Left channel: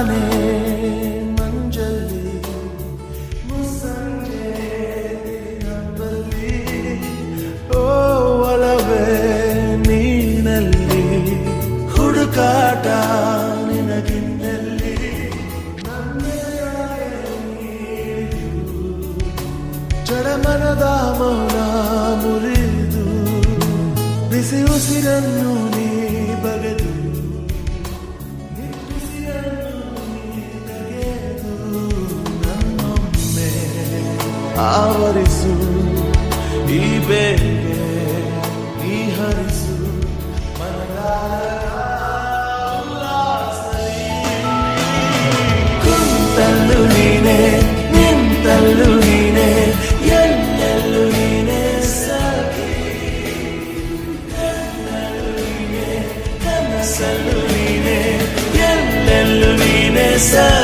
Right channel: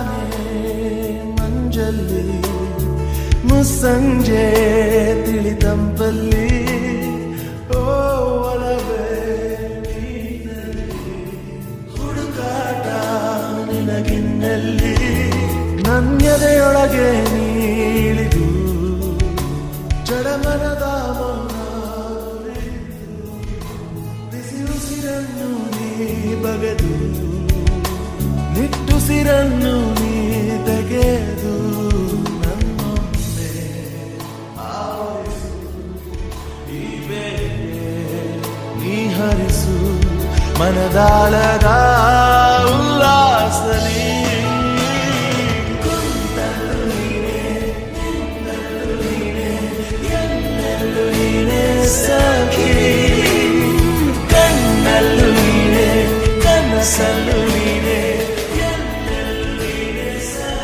ತಾನೇ ಮಂಜಲ್ಲಿ ಮುಸ್ಸಂಜೆ ತಿಳಿತಂಪಲ್ಲಿ ಓ ಒಲವೇ ನೀನಲ್ಲಿ ಹುಡುಕಾಟ ನಿನಗಿನ್ನಲ್ಲಿ ನನ್ಯದೆಯೊಳಗೆ ನೀಳಿದು ಜಡಮನದ ಮೌನ ಮುರಿದು ಬಿಸಿ ಉಸಿರನ್ನು ನೀ ಬಗೆದು ನಿಟ್ಟುಸಿರನ್ನು ನೀ ತೆಗೆದು ನನ್ನೊಮ್ಮೆ ಆವರಿಸು ಈ ಬೇಗೆ ನೀ ಹರಿಸು ಮನದಾಳದ ಉಲ್ಲಾಸಲಿ ಕುಂತಲ್ಲು ನೀನೆ ನಿಂತಲ್ಲು ನೀನೆ ಎಲ್ಲೆಲ್ಲೂ ನೀನೆ ಸಖಿ ಕಣ್ಣಲ್ಲೂ ನೀನೆ ಕನಸಲ್ಲೂ ನೀನೆ ಎಲ್ಲೆಲ್ಲೂ ನೀನೆ ಸಖಿ